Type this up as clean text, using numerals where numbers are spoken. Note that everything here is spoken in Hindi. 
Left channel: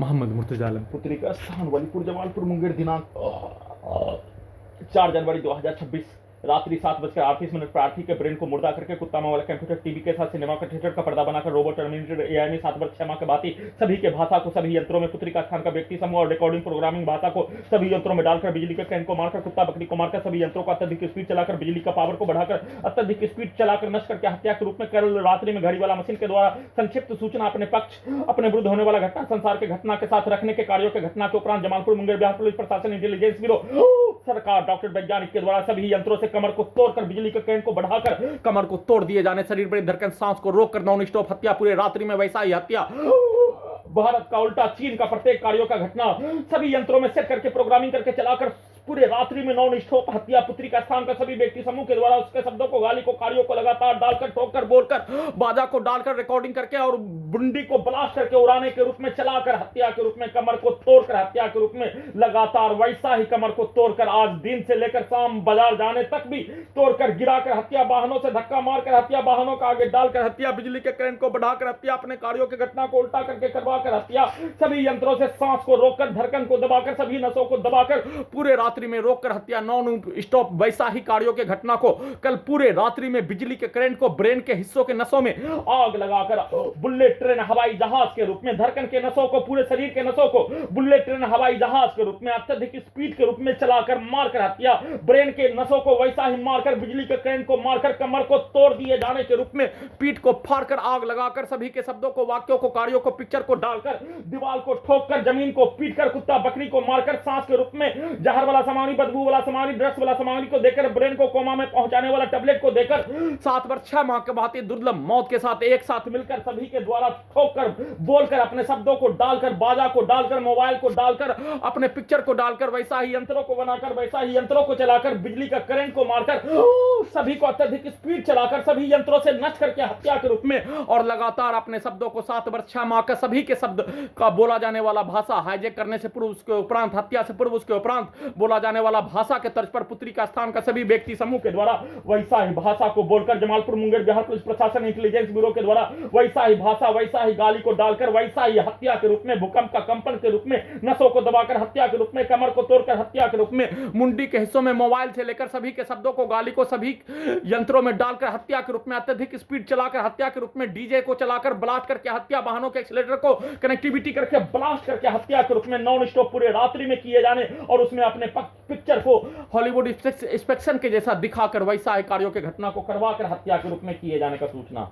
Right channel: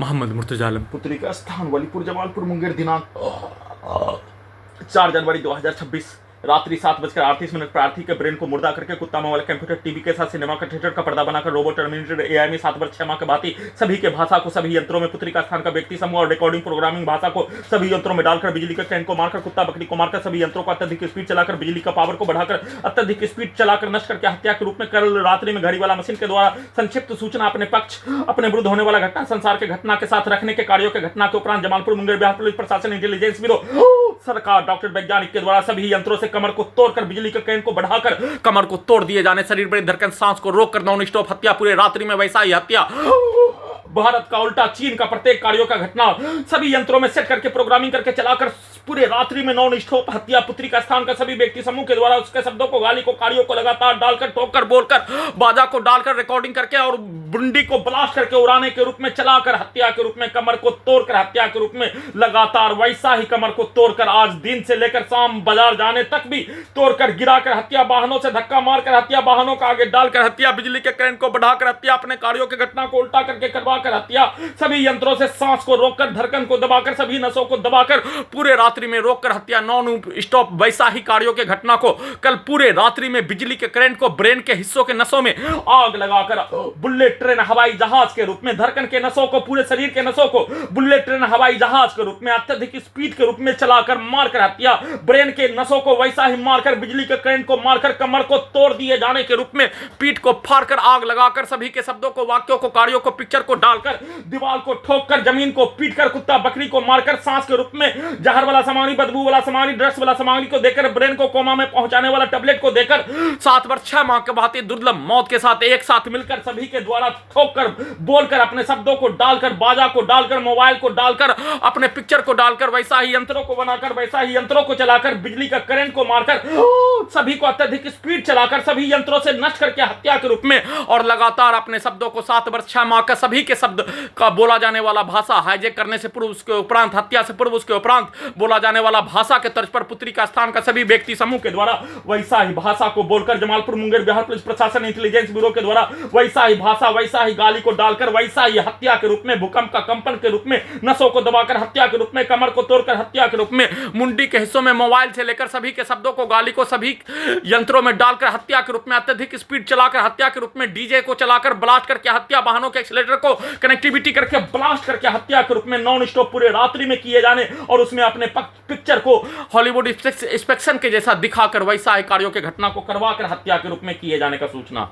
मोहम्मद मुर्तजा आलम पुत्री का स्थान वलीपुर जमालपुर मुंगेर दिनांक 4 जनवरी 2026 रात्रि 7:38 प्रार्थी के ब्रेन को मुर्दा करके कुत्ता में वाला कंप्यूटर टीवी के साथ सिनेमा का थिएटर का पर्दा बनाकर रोबोट टर्मिनेटेड एआई में 7 वर्ष 6 माह के भांति सभी के भाषा को सभी यंत्रों में पुत्री का स्थान का व्यक्ति समूह और रिकॉर्डिंग प्रोग्रामिंग भाषा को सभी यंत्रों में डालकर बिजली के कैन को मारकर कुत्ता बकरी को मारकर सभी यंत्रों को अत्यधिक स्पीड चलाकर बिजली का पावर को बढ़ाकर अत्यधिक स्पीड चलाकर नष्ट करके हत्या के रूप में कल रात्रि में घड़ी वाला मशीन के द्वारा संक्षिप्त सूचना अपने पक्ष अपने विरुद्ध होने वाला घटना संसार के घटना के साथ रखने के कार्यों के घटना के उपरांत जमालपुर मुंगेर बिहार पुलिस प्रशासन इंटेलिजेंस ब्यूरो सरकार डॉक्टर वैज्ञानिक के द्वारा सभी यंत्रों से कमर को तोड़कर बिजली के कैन को बढ़ाकर कमर को तोड़ दिए जाने शरीर बड़ी धड़कन सांस को रोककर नॉन स्टॉप हत्या पूरे रात्रि में वैसा ही हत्या भारत का उल्टा चीन का प्रत्येक कार्यों का घटना सभी यंत्रों में सेट करके प्रोग्रामिंग करके चलाकर पूरे रात्रि में नॉन स्टॉप हत्या पुत्री का स्थान का सभी व्यक्ति समूह के द्वारा उसके शब्दों को गाली को कार्यों को लगातार डालकर ठोकर बोलकर बाजा को डालकर रिकॉर्डिंग करके और बुंडी को ब्लास्ट करके उड़ाने के रूप में चलाकर हत्या के रूप में कमर को तोड़कर हत्या के रूप में लगातार वैसा ही कमर को तोड़कर आज दिन से लेकर शाम बाजार जाने तक भी तोड़कर गिराकर हत्या वाहनों से धक्का मारकर हत्या वाहनों का आगे डालकर हत्या बिजली के करंट को बढ़ाकर हत्या अपने कार्यों की घटना को उल्टा करके करवाकर हत्या सभी यंत्रों से सांस को रोककर धड़कन को दबाकर सभी नसों को दबाकर पूरे रात्रि में रोककर हत्या नॉन स्टॉप वैसा ही कार्यों के घटना को कल पूरे रात्रि में बिजली के करंट को ब्रेन के हिस्सों के नसों में आग लगाकर बुलेट ट्रेन हवाई जहाज के रूप में धड़कन के नसों को पूरे शरीर के नसों को बुलेट ट्रेन हवाई जहाज के रूप में अत्यधिक स्पीड के रूप में चलाकर मारकर हत्या ब्रेन के नसों को वैसा ही मारकर बिजली के करंट को मारकर कमर को तोड़ दिए जाने के रूप में पीठ को फाड़कर आग लगाकर सभी के शब्दों को वाक्यों को कार्यों को पिक्चर को डालकर दीवार को ठोककर जमीन को पीटकर कुत्ता बकरी को मारकर सांस के रूप में जहर वाला सामग्री बदबू वाला सामग्री ड्रग्स वाला सामग्री को देकर ब्रेन को कोमा में पहुंचाने वाला टैबलेट को देकर 7 वर्ष 6 माह के बाद दुर्लभ मौत के साथ एक साथ मिलकर सभी के द्वारा ठोककर बोलकर अपने शब्दों को डालकर बाजा को डालकर मोबाइल को डालकर अपने पिक्चर को डालकर वैसा ही यंत्रों को बनाकर वैसा ही यंत्रों को चलाकर बिजली का करंट को मारकर सभी को अत्यधिक स्पीड चलाकर सभी यंत्रों से नष्ट करके हत्या के रूप में और लगातार अपने शब्दों को 7 वर्ष 6 माह का सभी के शब्द का बोला जाने वाला भाषा हाईजैक करने से पूर्व उसके उपरांत हत्या से पूर्व उसके उपरांत बोला जाने वाला भाषा के तर्ज पर पुत्री का स्थान का सभी व्यक्ति समूह के द्वारा वैसा ही भाषा को बोलकर जमालपुर मुंगेर बिहार पुलिस प्रशासन इंटेलिजेंस ब्यूरो के द्वारा वैसा ही भाषा वैसा ही गाली को डालकर वैसा ही हत्या के रूप में भूकंप का कंपन के रूप में नसों को दबाकर हत्या के रूप में कमर को तोड़कर हत्या के रूप में मुंडी के हिस्सों में मोबाइल से लेकर सभी के शब्दों को गाली को सभी यंत्रों में डालकर हत्या के रूप में अत्यधिक स्पीड चलाकर हत्या के रूप में डीजे को चलाकर ब्लास्ट करके हत्या वाहनों के एक्सीलरेटर को कनेक्टिविटी करके ब्लास्ट करके हत्या के रूप में नॉन स्टॉप पूरे रात्रि में किए जाने और उसमें अपने पिक्चर को हॉलीवुड इंस्पेक्शन के जैसा दिखाकर वैसा कार्यों के घटना को करवाकर हत्या के रूप में किए जाने का सूचना